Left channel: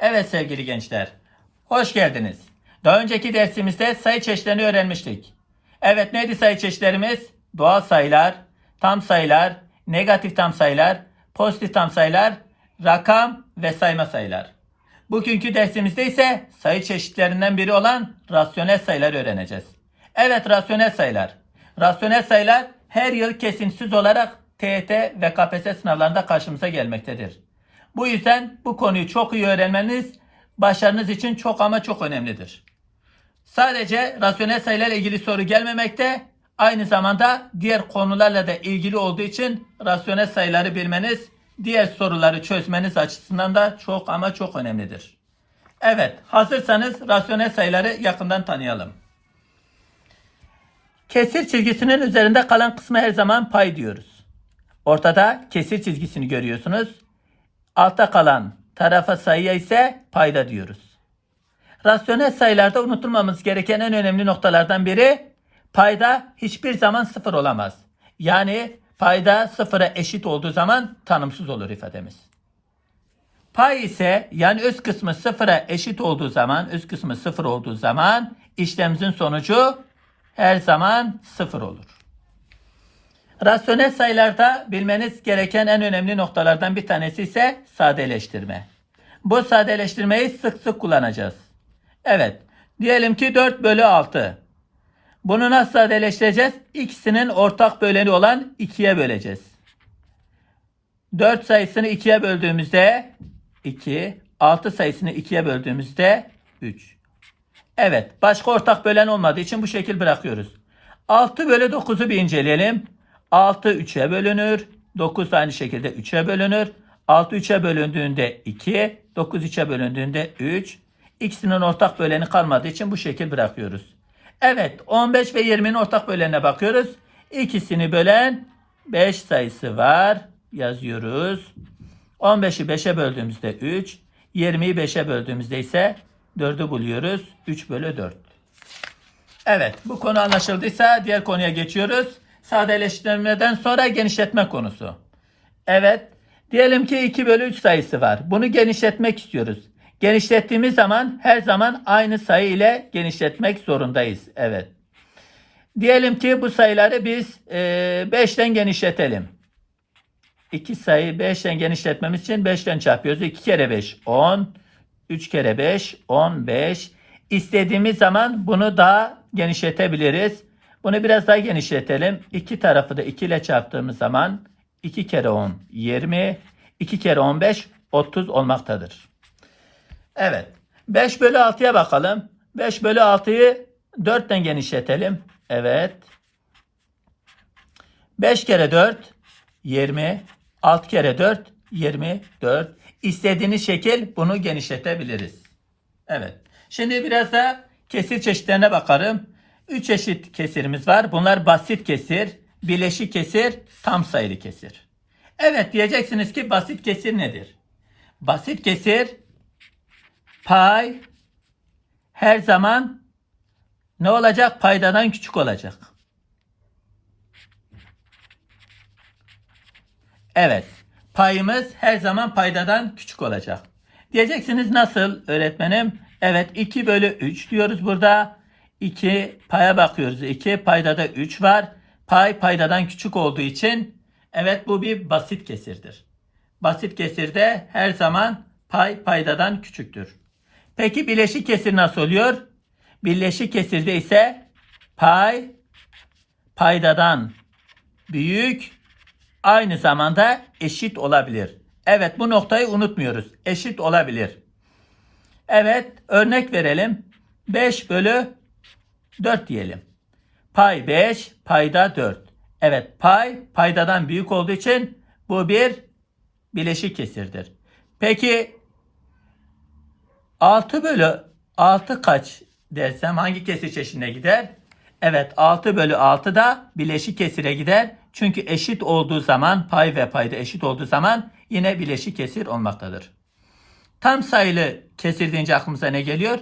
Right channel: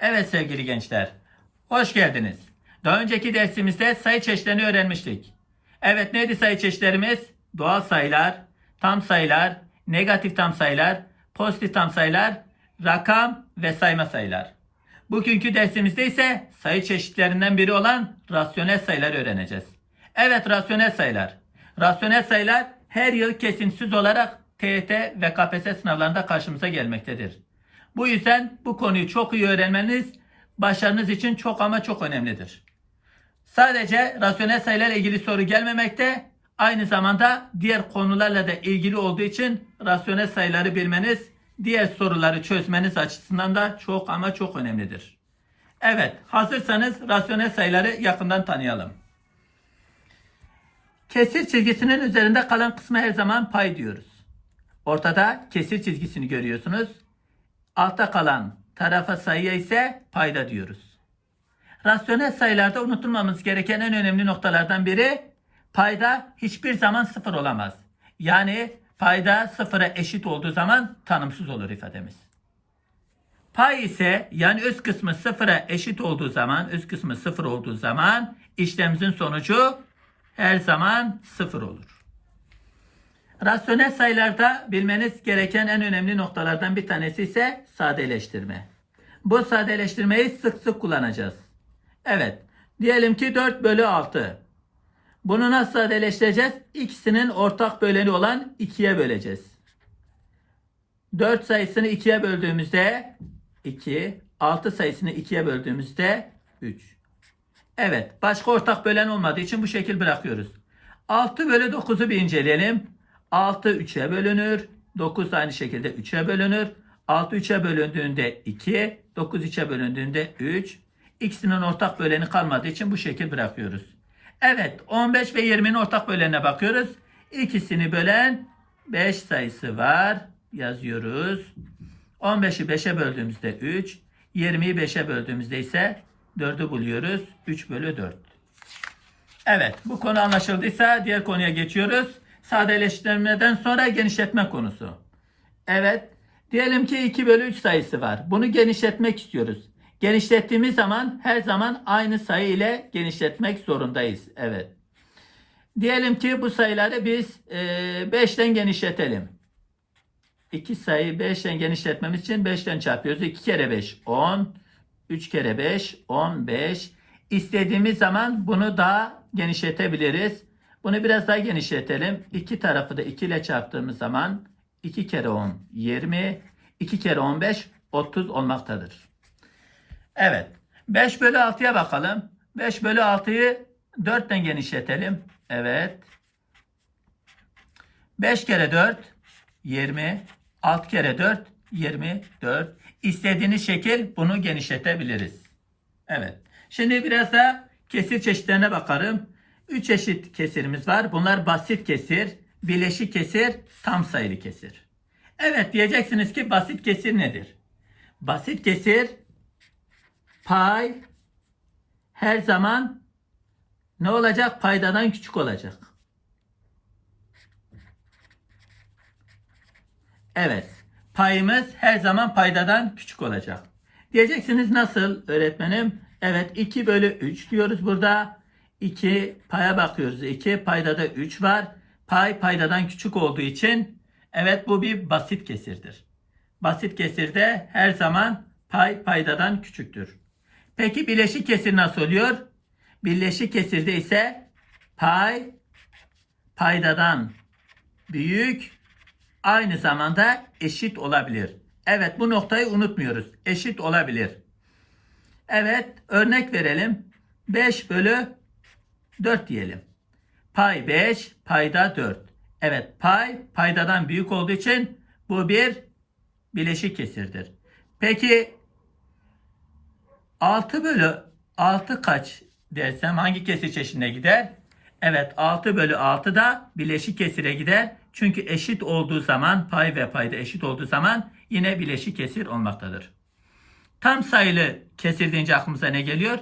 Evet sevgili gençler, hoş geldiniz. Daha önceki dersimizde sayı çeşitlerini öğrenmiştik. Evet neydi sayı çeşitlerimiz? Doğal sayılar, tam sayılar, negatif tam sayılar, pozitif tam sayılar, rakam ve sayma sayılar. Bugünkü dersimizde ise sayı çeşitlerinden biri olan rasyonel sayılar öğreneceğiz. Evet rasyonel sayılar. Rasyonel sayılar her yıl kesintisiz olarak TYT ve KPSS sınavlarında karşımıza gelmektedir. Bu yüzden bu konuyu çok iyi öğrenmeniz başarınız için çok ama çok önemlidir. Sadece rasyonel sayılarla ilgili soru gelmemekte, aynı zamanda diğer konularla da ilgili olduğu için rasyonel sayıları bilmeniz, diğer soruları çözmeniz açısından da çok ama çok önemlidir. Evet, hazırsanız rasyonel sayıları yakından tanıyalım. Kesir çizgisinin üzerinde kalan kısmı her zaman pay diyoruz. Ortada kesir çizgisini görüyorsunuz. Altta kalan tarafa sayıya ise payda diyoruz. Rasyonel sayılarda unutulmamız gereken en önemli noktalardan biri payda hiçbir zaman sıfır olamaz. Yani payda sıfıra eşit olduğu zaman tanımsız olur ifademiz. Pay ise yani öz kısmı sıfıra eşit olduğu zaman, öz kısmı sıfır olduğu zaman işlemimizin sonucu her zaman sıfır olur. Rasyonel sayılarda bilmeniz gereken en önemli noktalardan bir tanesi ise sadeleştirme. Bu sadeleştirmeyi sık sık kullanacağız. Evet, diyelim ki 4 bölü 6. Bunu nasıl sadeleştireceğiz? İkisinin ortak böleni olan 2'ye böleceğiz. 4 sayısını 2'ye böldüğümüzde 2, 6 sayısını 2'ye böldüğümüzde 3. Evet, başka ortak bölen olmadığı için bu şekil bırakıyoruz. 6 bölü 9'u bir inceleyelim. 6 3'e bölünür. 9 da aynı şekilde 3'e bölünür. 6 3'e bölündüğünde 2, 9 3'e bölündüğünde 3. İkisinin ortak böleni kalmadığı için bu şekil bırakıyoruz. Evet, 15 ve 20'nin ortak bölenine bakıyoruz. İkisini bölen 5 sayısı var. Yazıyoruz. 15'i 5'e böldüğümüzde 3, 20'yi 5'e böldüğümüzde ise 4'ü buluyoruz. 3 bölü 4. Evet bu konu anlaşıldıysa diğer konuya geçiyoruz. Sadeleştirmeden sonra genişletme konusu. Evet diyelim ki 2 bölü 3 sayısı var. Bunu genişletmek istiyoruz. Genişlettiğimiz zaman her zaman aynı sayı ile genişletmek zorundayız. Evet. Diyelim ki bu sayıları biz e, 5'ten genişletelim. 2 sayı 5'ten genişletmemiz için 5'ten çarpıyoruz. 2 kere 5 10. 3 kere 5 15. İstediğimiz zaman bunu daha genişletebiliriz. Bunu biraz daha genişletelim. İki tarafı da 2 ile çarptığımız zaman 2 kere 10 20. 2 kere 15 30 olmaktadır. Evet. 5 bölü 6'ya bakalım. 5 bölü 6'yı 4'ten genişletelim. Evet. 5 kere 4 20. 6 kere 4 24. İstediğiniz şekil bunu genişletebiliriz. Evet. Şimdi biraz da kesir çeşitlerine bakalım. 3 çeşit kesirimiz var. Bunlar basit kesir, bileşik kesir, tam sayılı kesir. Evet diyeceksiniz ki basit kesir nedir? Basit kesir pay her zaman ne olacak? Paydadan küçük olacak. Evet. Payımız her zaman paydadan küçük olacak. Diyeceksiniz nasıl öğretmenim? Evet 2 bölü 3 diyoruz burada. 2 paya bakıyoruz. 2 paydada 3 var. Pay paydadan küçük olduğu için evet bu bir basit kesirdir. Basit kesirde her zaman pay paydadan küçüktür. Peki bileşik kesir nasıl oluyor? Birleşik kesirde ise pay paydadan büyük aynı zamanda eşit olabilir. Evet bu noktayı unutmuyoruz. Eşit olabilir. Evet örnek verelim. 5 bölü 4 diyelim. Pay 5 payda 4. Evet pay paydadan büyük olduğu için bu bir bileşik kesirdir. Peki 6 bölü 6 kaç dersem hangi kesir çeşidine gider? Evet 6 bölü 6 da bileşik kesire gider. Çünkü eşit olduğu zaman pay ve payda eşit olduğu zaman yine bileşik kesir olmaktadır. Tam sayılı kesir deyince aklımıza ne geliyor?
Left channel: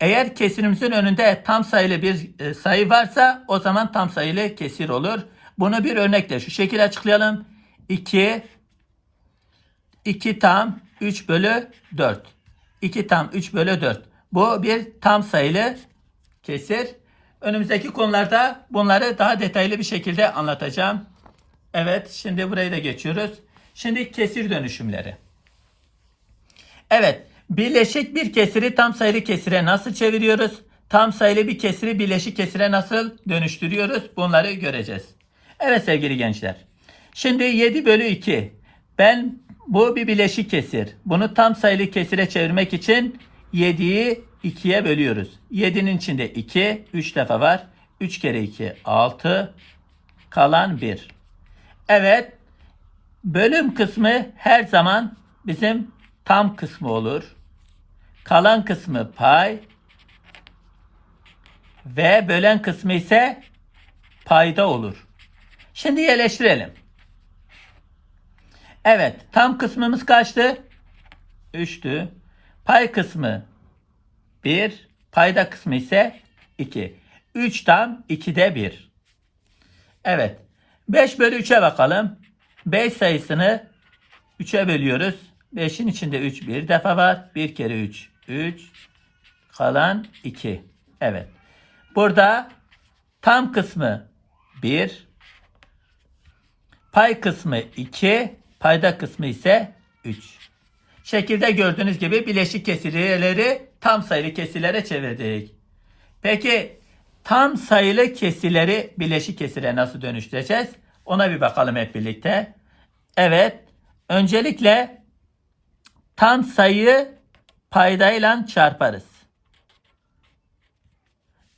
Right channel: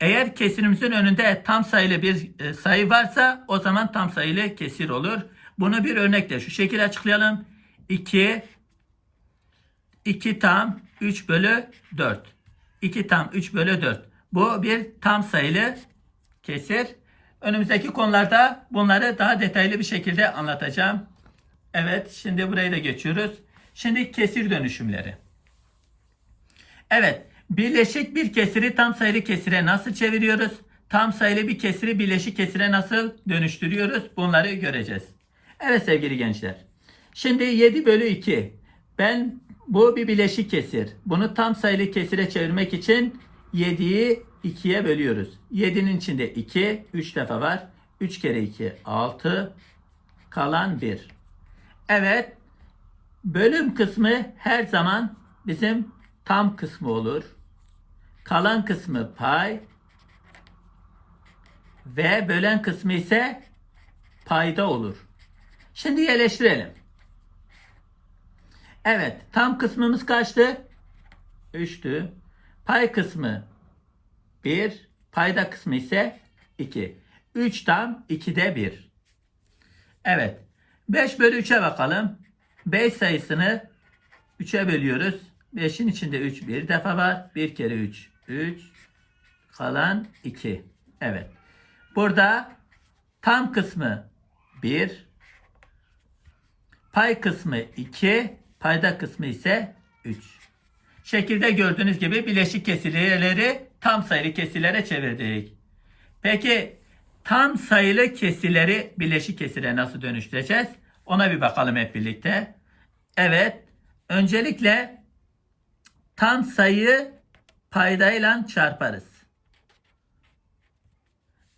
Eğer kesirimizin önünde tam sayılı bir e, sayı varsa o zaman tam sayılı kesir olur. Bunu bir örnekle şu şekilde açıklayalım. 2 2 tam 3 bölü 4. 2 tam 3 bölü 4. Bu bir tam sayılı kesir. Önümüzdeki konularda bunları daha detaylı bir şekilde anlatacağım. Evet şimdi burayı da geçiyoruz. Şimdi kesir dönüşümleri. Evet birleşik bir kesiri tam sayılı kesire nasıl çeviriyoruz? Tam sayılı bir kesiri birleşik kesire nasıl dönüştürüyoruz? Bunları göreceğiz. Evet sevgili gençler. Şimdi 7 bölü 2. Ben bu bir bileşik kesir. Bunu tam sayılı kesire çevirmek için 7'yi 2'ye bölüyoruz. 7'nin içinde 2, 3 defa var. 3 kere 2, 6. Kalan 1. Evet. Bölüm kısmı her zaman bizim tam kısmı olur. Kalan kısmı pay. Ve bölen kısmı ise payda olur. Şimdi yerleştirelim. Evet. Tam kısmımız kaçtı? 3'tü. Pay kısmı 1. Payda kısmı ise 2. 3 tam 2'de 1. Evet. 5 bölü 3'e bakalım. 5 sayısını 3'e bölüyoruz. 5'in içinde 3 bir defa var. 1 kere 3 3. Kalan 2. Evet. Burada tam kısmı 1. Pay kısmı 2. Payda kısmı ise 3. Şekilde gördüğünüz gibi bileşik kesirleri tam sayılı kesirlere çevirdik. Peki tam sayılı kesirleri bileşik kesire nasıl dönüştüreceğiz? Ona bir bakalım hep birlikte. Evet. Öncelikle tam sayıyı paydayla çarparız.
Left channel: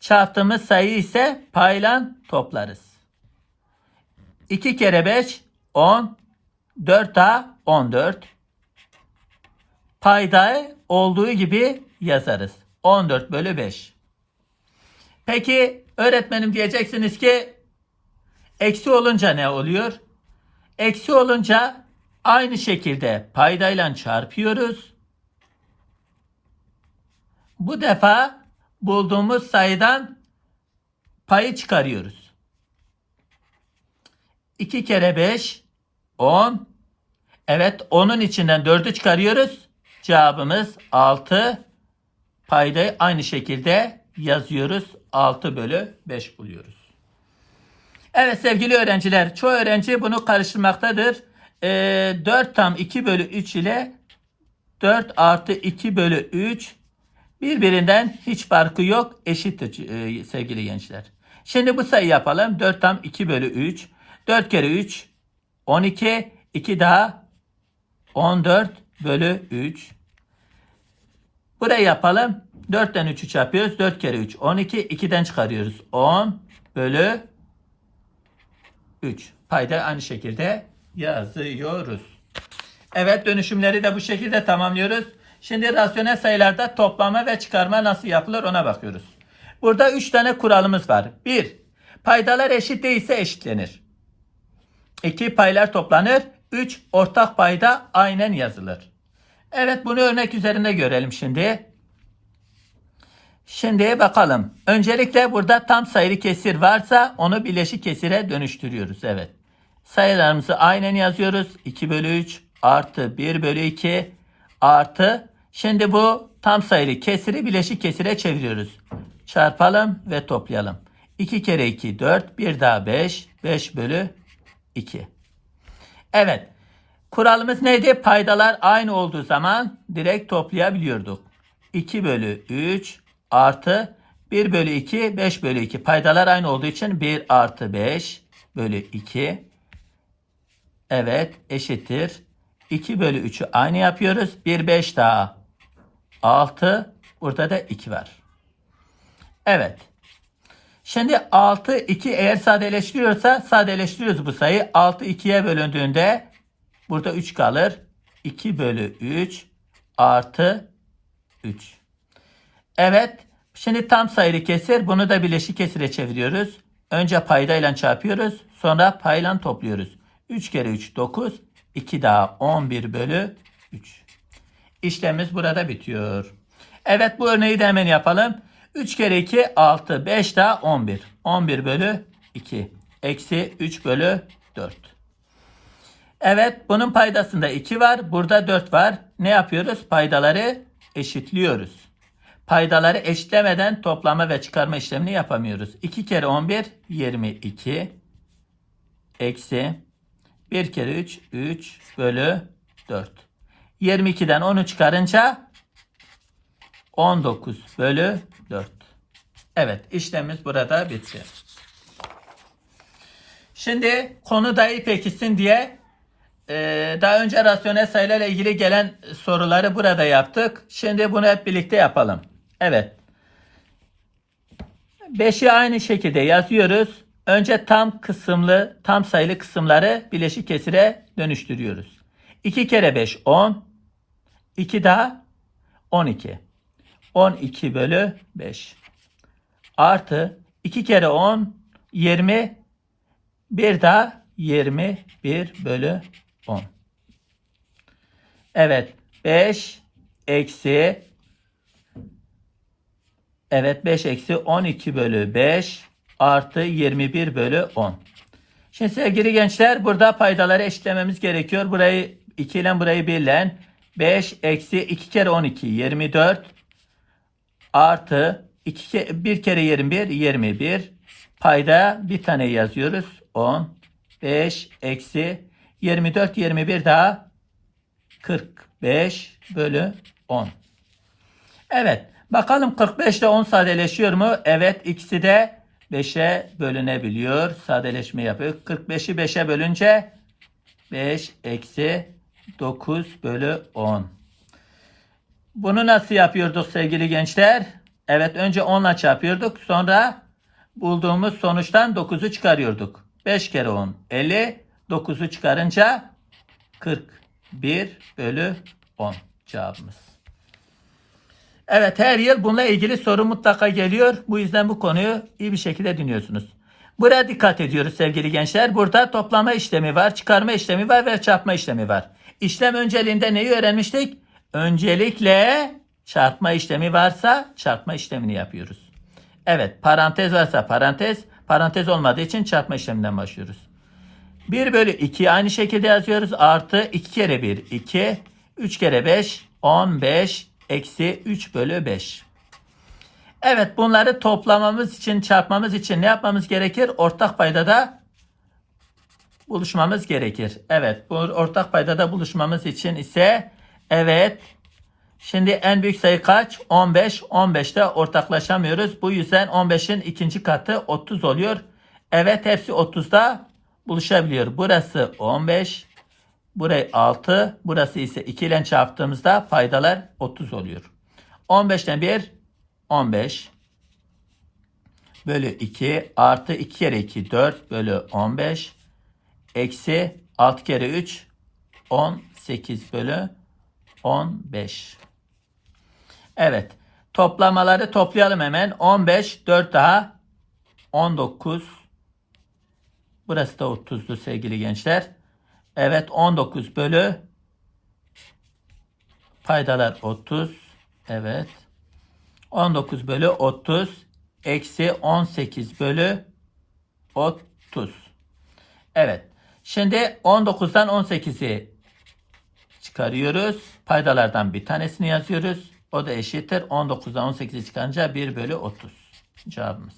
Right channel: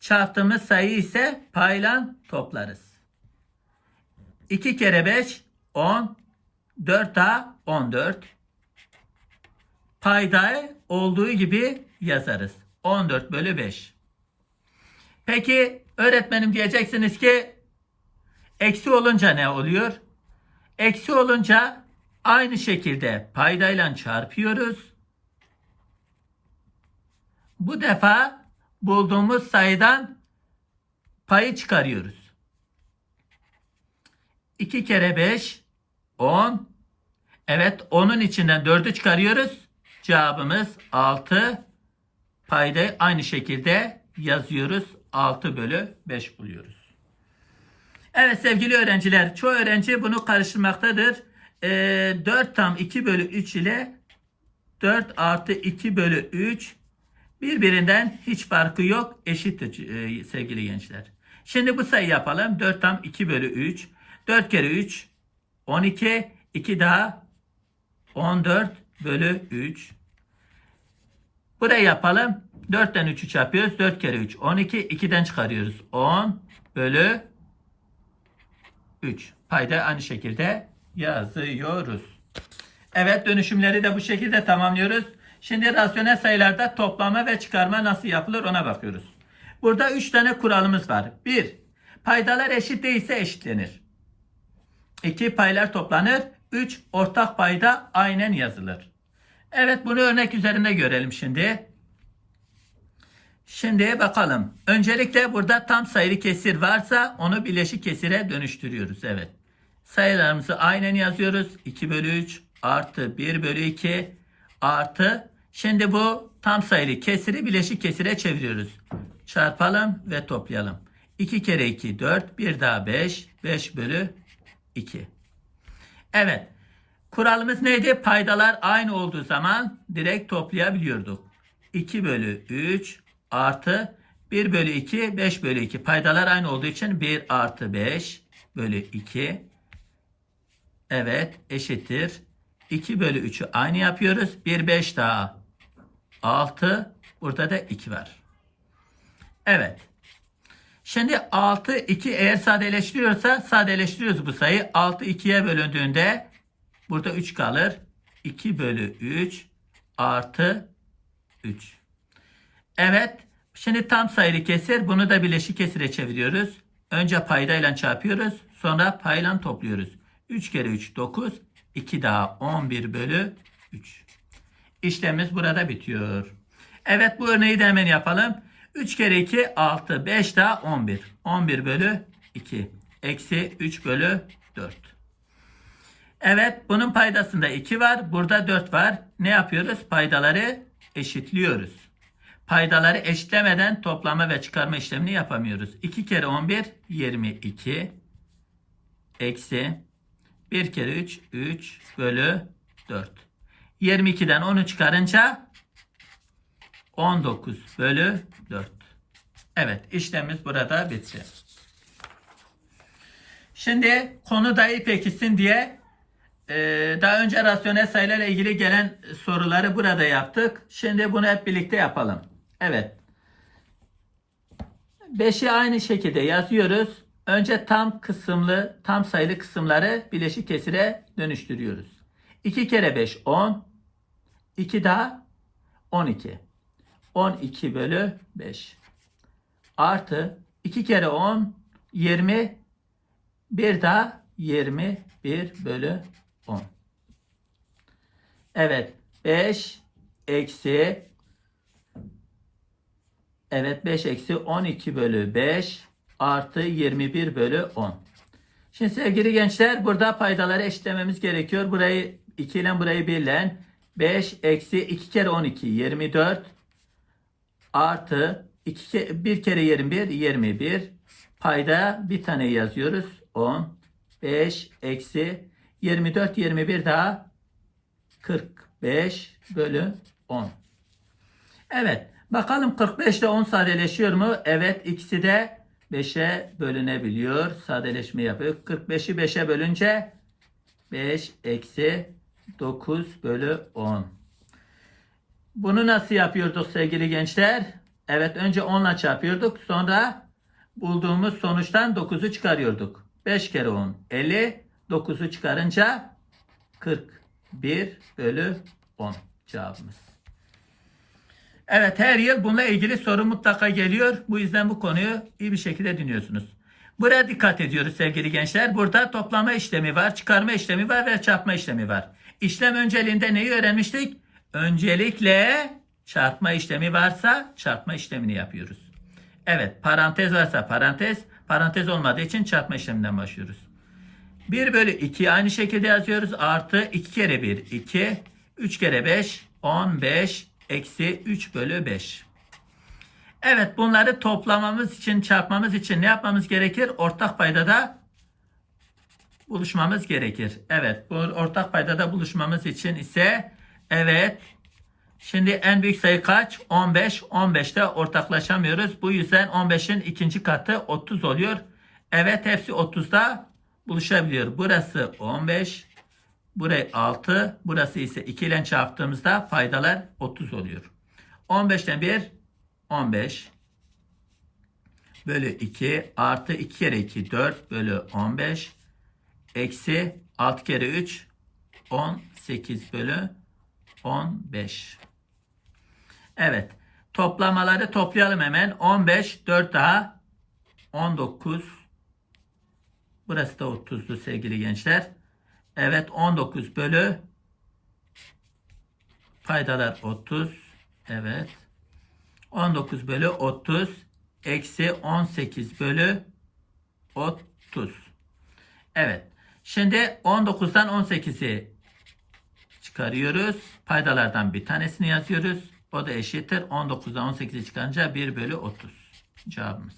Çarptığımız sayı ise payla toplarız. 2 kere 5 10 4 daha 14. Payda olduğu gibi yazarız. 14 bölü 5. Peki öğretmenim diyeceksiniz ki eksi olunca ne oluyor? Eksi olunca aynı şekilde paydayla çarpıyoruz. Bu defa bulduğumuz sayıdan payı çıkarıyoruz. 2 kere 5 10. Evet 10'un içinden 4'ü çıkarıyoruz. Cevabımız 6. Paydayı aynı şekilde yazıyoruz. 6 bölü 5 buluyoruz. Evet sevgili öğrenciler çoğu öğrenci bunu karıştırmaktadır. Ee, 4 tam 2 bölü 3 ile 4 artı 2 bölü 3 birbirinden hiç farkı yok. Eşittir e, sevgili gençler. Şimdi bu sayı yapalım. 4 tam 2 bölü 3. 4 kere 3 12. 2 daha 14 bölü 3. Burayı yapalım. 4'ten 3'ü çarpıyoruz. 4 kere 3 12. 2'den çıkarıyoruz. 10 bölü 3. Payda aynı şekilde yazıyoruz. Evet dönüşümleri de bu şekilde tamamlıyoruz. Şimdi rasyonel sayılarda toplama ve çıkarma nasıl yapılır ona bakıyoruz. Burada 3 tane kuralımız var. 1. Paydalar eşit değilse eşitlenir. 2. Paylar toplanır. 3. Ortak payda aynen yazılır. Evet bunu örnek üzerinde görelim şimdi. Şimdi bakalım. Öncelikle burada tam sayılı kesir varsa onu bileşik kesire dönüştürüyoruz. Evet. Sayılarımızı aynen yazıyoruz. 2 bölü 3 artı 1 bölü 2 artı. Şimdi bu tam sayılı kesiri bileşik kesire çeviriyoruz. Çarpalım ve toplayalım. 2 kere 2 4 bir daha 5 5 bölü 2. Evet. Kuralımız neydi? Paydalar aynı olduğu zaman direkt toplayabiliyorduk. 2 bölü 3 artı 1 bölü 2 5 bölü 2. Paydalar aynı olduğu için 1 artı 5 bölü 2. Evet eşittir. 2 bölü 3'ü aynı yapıyoruz. 1 5 daha 6. Burada da 2 var. Evet. Şimdi 6 2 eğer sadeleştiriyorsa sadeleştiriyoruz bu sayı. 6 2'ye bölündüğünde burada 3 kalır. 2 bölü 3 artı 3. Evet. Şimdi tam sayılı kesir. Bunu da bileşik kesire çeviriyoruz. Önce paydayla çarpıyoruz. Sonra payla topluyoruz. 3 kere 3 9. 2 daha 11 bölü 3. İşlemimiz burada bitiyor. Evet bu örneği de hemen yapalım. 3 kere 2 6. 5 daha 11. 11 bölü 2. Eksi 3 bölü 4. Evet bunun paydasında 2 var. Burada 4 var. Ne yapıyoruz? Paydaları eşitliyoruz. Paydaları eşitlemeden toplama ve çıkarma işlemini yapamıyoruz. 2 kere 11 22 eksi 1 kere 3 3 bölü 4. 22'den 10'u çıkarınca 19 bölü 4. Evet işlemimiz burada bitti. Şimdi konu daha iyi pekişsin diye e, daha önce rasyonel sayılarla ilgili gelen soruları burada yaptık. Şimdi bunu hep birlikte yapalım. Evet. 5'i aynı şekilde yazıyoruz. Önce tam kısımlı, tam sayılı kısımları bileşik kesire dönüştürüyoruz. 2 kere 5 10. 2 daha 12. 12 bölü 5. Artı 2 kere 10 20 bir daha 21 bölü 10. Evet 5 eksi Evet 5 eksi 12 bölü 5 artı 21 bölü 10. Şimdi sevgili gençler burada paydaları eşitlememiz gerekiyor. Burayı 2 ile burayı 1 ile 5 eksi 2 kere 12 24 artı 2 ke 1 kere 21 21 payda bir tane yazıyoruz 10 5 eksi 24 21 daha 45 bölü 10. Evet bakalım 45 ile 10 sadeleşiyor mu? Evet ikisi de 5'e bölünebiliyor. Sadeleşme yapıyor. 45'i 5'e bölünce 5 eksi 9 bölü 10. Bunu nasıl yapıyorduk sevgili gençler? Evet önce 10 ile çarpıyorduk. Sonra bulduğumuz sonuçtan 9'u çıkarıyorduk. 5 kere 10 50. 9'u çıkarınca 41 bölü 10 cevabımız. Evet her yıl bununla ilgili soru mutlaka geliyor. Bu yüzden bu konuyu iyi bir şekilde dinliyorsunuz. Buraya dikkat ediyoruz sevgili gençler. Burada toplama işlemi var, çıkarma işlemi var ve çarpma işlemi var. İşlem önceliğinde neyi öğrenmiştik? Öncelikle çarpma işlemi varsa çarpma işlemini yapıyoruz. Evet parantez varsa parantez, parantez olmadığı için çarpma işleminden başlıyoruz. 1 bölü 2 aynı şekilde yazıyoruz. Artı 2 kere 1 2. 3 kere 5 15 eksi 3 bölü 5. Evet bunları toplamamız için çarpmamız için ne yapmamız gerekir? Ortak paydada buluşmamız gerekir. Evet bu ortak paydada buluşmamız için ise evet Şimdi en büyük sayı kaç? 15. 15'te ortaklaşamıyoruz. Bu yüzden 15'in ikinci katı 30 oluyor. Evet hepsi 30'da buluşabiliyor. Burası 15. Burayı 6. Burası ise 2 ile çarptığımızda paydalar 30 oluyor. 15'ten 1 15 bölü 2 artı 2 kere 2 4 bölü 15 eksi 6 kere 3 18 bölü 15. Evet. Toplamaları toplayalım hemen. 15 4 daha 19 Burası da 30'du sevgili gençler. Evet 19 bölü paydalar 30. Evet. 19 bölü 30 eksi 18 bölü 30. Evet. Şimdi 19'dan 18'i çıkarıyoruz. Paydalardan bir tanesini yazıyoruz. O da eşittir. 19'dan 18'i çıkarınca 1 bölü 30. Cevabımız.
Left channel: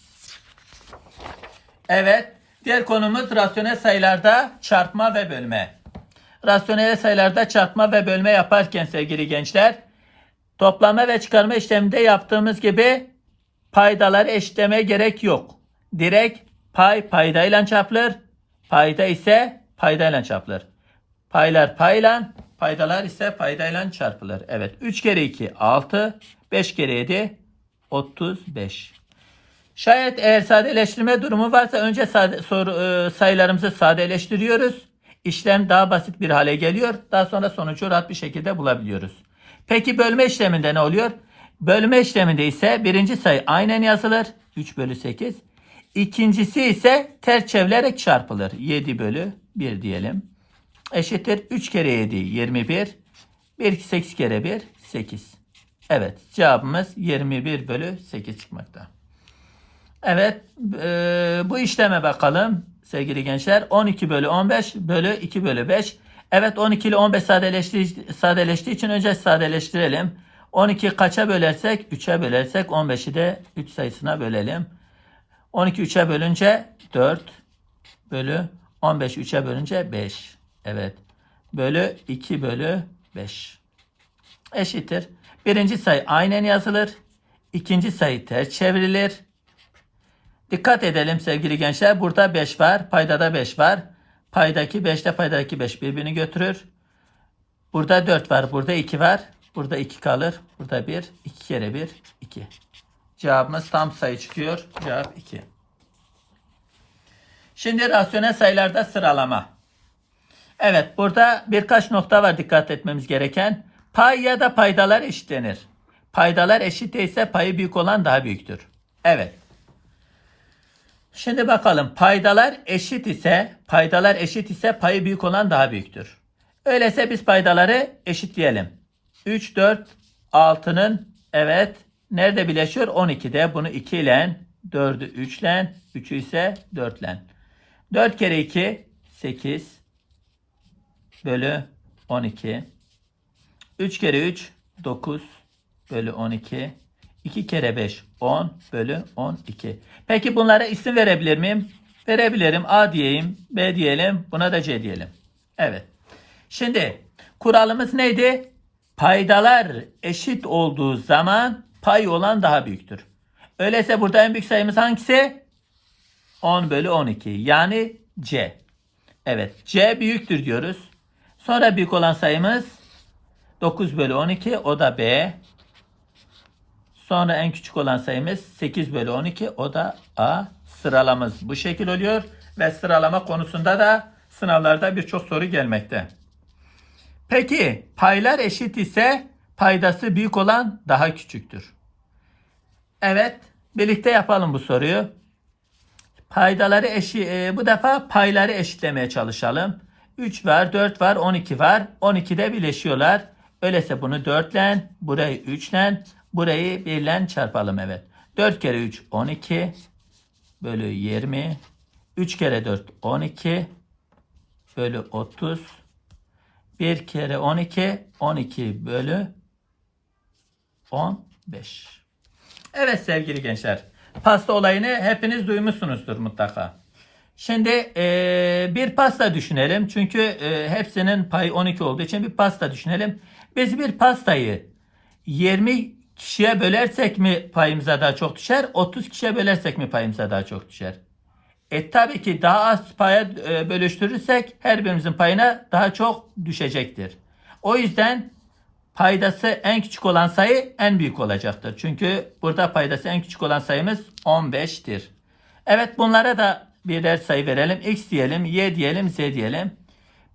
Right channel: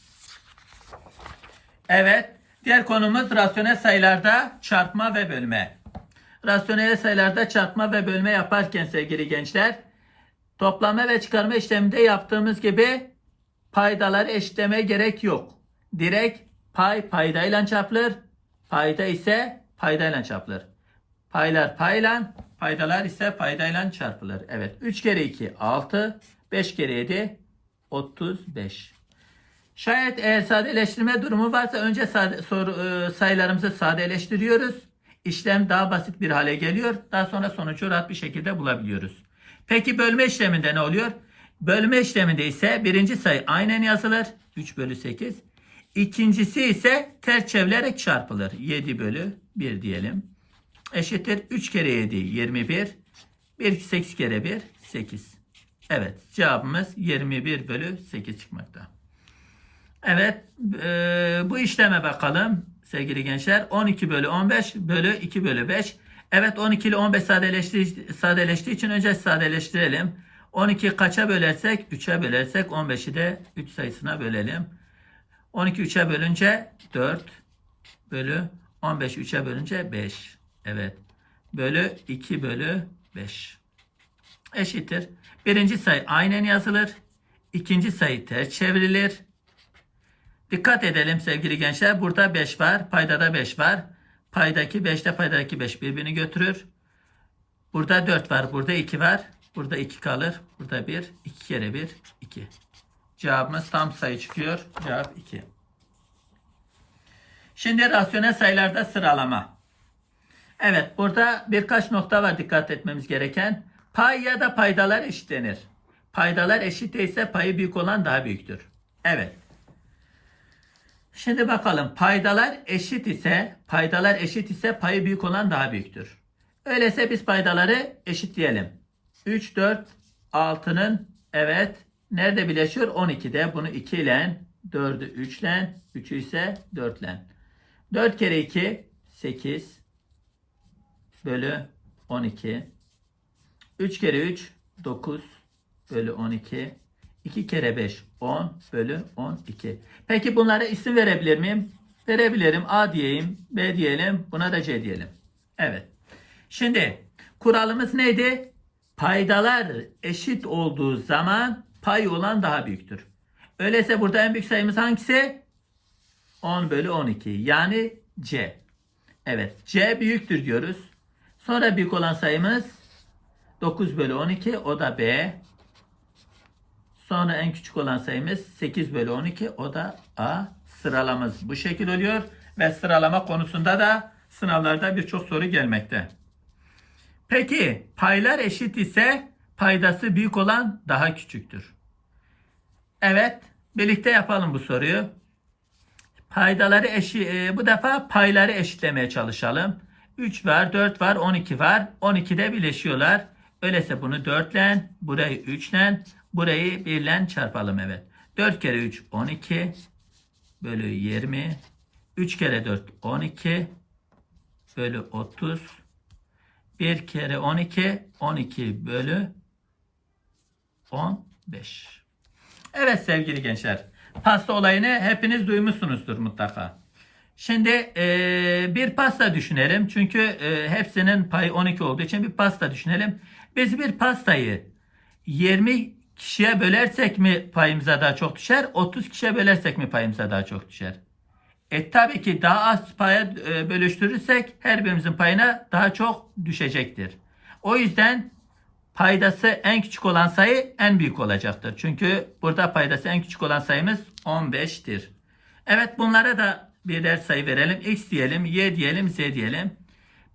Evet. Diğer konumuz rasyonel sayılarda çarpma ve bölme. Rasyonel sayılarda çarpma ve bölme yaparken sevgili gençler toplama ve çıkarma işleminde yaptığımız gibi paydaları eşitleme gerek yok. Direkt pay paydayla çarpılır. Payda ise paydayla çarpılır. Paylar payla, paydalar ise paydayla çarpılır. Evet 3 kere 2 6, 5 kere 7 35. Şayet eğer sadeleştirme durumu varsa önce sade, soru, e, sayılarımızı sadeleştiriyoruz. İşlem daha basit bir hale geliyor. Daha sonra sonucu rahat bir şekilde bulabiliyoruz. Peki bölme işleminde ne oluyor? Bölme işleminde ise birinci sayı aynen yazılır. 3 bölü 8. İkincisi ise ters çevrilerek çarpılır. 7 bölü 1 diyelim. Eşittir 3 kere 7 21. 1 8 kere 1 8. Evet cevabımız 21 bölü 8 çıkmakta. Evet e, bu işleme bakalım sevgili gençler. 12 bölü 15 bölü 2 bölü 5. Evet 12 ile 15 sadeleştiği, sadeleştiği için önce sadeleştirelim. 12 kaça bölersek? 3'e bölersek 15'i de 3 sayısına bölelim. 12 3'e bölünce 4 bölü 15 3'e bölünce 5. Evet. Bölü 2 bölü 5. Eşittir. Birinci sayı aynen yazılır. İkinci sayı ters çevrilir. Dikkat edelim sevgili gençler. Burada 5 var. Paydada 5 var. Paydaki 5 ile paydadaki 5 birbirini götürür. Burada 4 var. Burada 2 var. Burada 2 kalır. Burada 1. 2 kere 1. 2. Cevabımız tam sayı çıkıyor. Cevap 2. Şimdi rasyonel sayılarda sıralama. Evet burada birkaç nokta var dikkat etmemiz gereken. Pay ya da paydalar eşitlenir. Paydalar eşit ise payı büyük olan daha büyüktür. Evet. Şimdi bakalım paydalar eşit ise paydalar eşit ise payı büyük olan daha büyüktür. Öyleyse biz paydaları eşitleyelim. 3, 4, 6'nın evet nerede birleşiyor? 12'de bunu 2 ile 4'ü 3 ile 3'ü ise 4 ile. 4 kere 2 8 bölü 12. 3 kere 3 9 bölü 12. 2 kere 5 10 bölü 12. Peki bunlara isim verebilir miyim? Verebilirim. A diyeyim, B diyelim, buna da C diyelim. Evet. Şimdi kuralımız neydi? Paydalar eşit olduğu zaman pay olan daha büyüktür. Öyleyse burada en büyük sayımız hangisi? 10 bölü 12. Yani C. Evet. C büyüktür diyoruz. Sonra büyük olan sayımız 9 bölü 12. O da B. Sonra en küçük olan sayımız 8 bölü 12. O da A. Sıralamamız bu şekil oluyor. Ve sıralama konusunda da sınavlarda birçok soru gelmekte. Peki paylar eşit ise paydası büyük olan daha küçüktür. Evet birlikte yapalım bu soruyu. Paydaları eşi, e, bu defa payları eşitlemeye çalışalım. 3 var, 4 var, 12 var. 12'de birleşiyorlar. Öyleyse bunu 4 ile, burayı 3 ile, burayı 1 ile çarpalım evet. 4 kere 3 12 bölü 20. 3 kere 4 12 bölü 30. 1 kere 12 12 bölü 15. Evet sevgili gençler. Pasta olayını hepiniz duymuşsunuzdur mutlaka. Şimdi e, bir pasta düşünelim. Çünkü e, hepsinin payı 12 olduğu için bir pasta düşünelim. Biz bir pastayı 20 kişiye bölersek mi payımıza daha çok düşer? 30 kişiye bölersek mi payımıza daha çok düşer? E tabii ki daha az paya e, bölüştürürsek her birimizin payına daha çok düşecektir. O yüzden paydası en küçük olan sayı en büyük olacaktır. Çünkü burada paydası en küçük olan sayımız 15'tir. Evet bunlara da birer sayı verelim. X diyelim, Y diyelim, Z diyelim.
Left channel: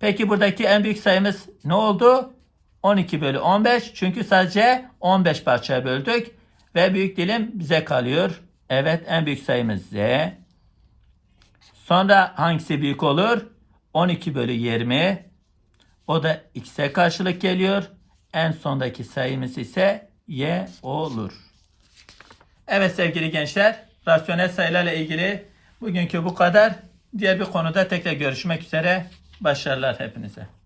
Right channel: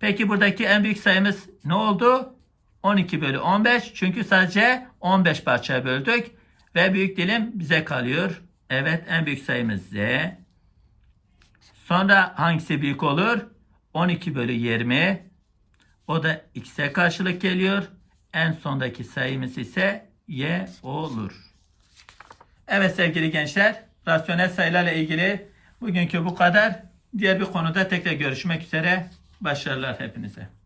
Peki buradaki en büyük sayımız ne oldu? 12 bölü 15. Çünkü sadece 15 parçaya böldük. Ve büyük dilim bize kalıyor. Evet en büyük sayımız Z. Sonra hangisi büyük olur? 12 bölü 20. O da x'e karşılık geliyor. En sondaki sayımız ise y olur. Evet sevgili gençler, rasyonel sayılarla ilgili bugünkü bu kadar. Diğer bir konuda tekrar görüşmek üzere. Başarılar hepinize.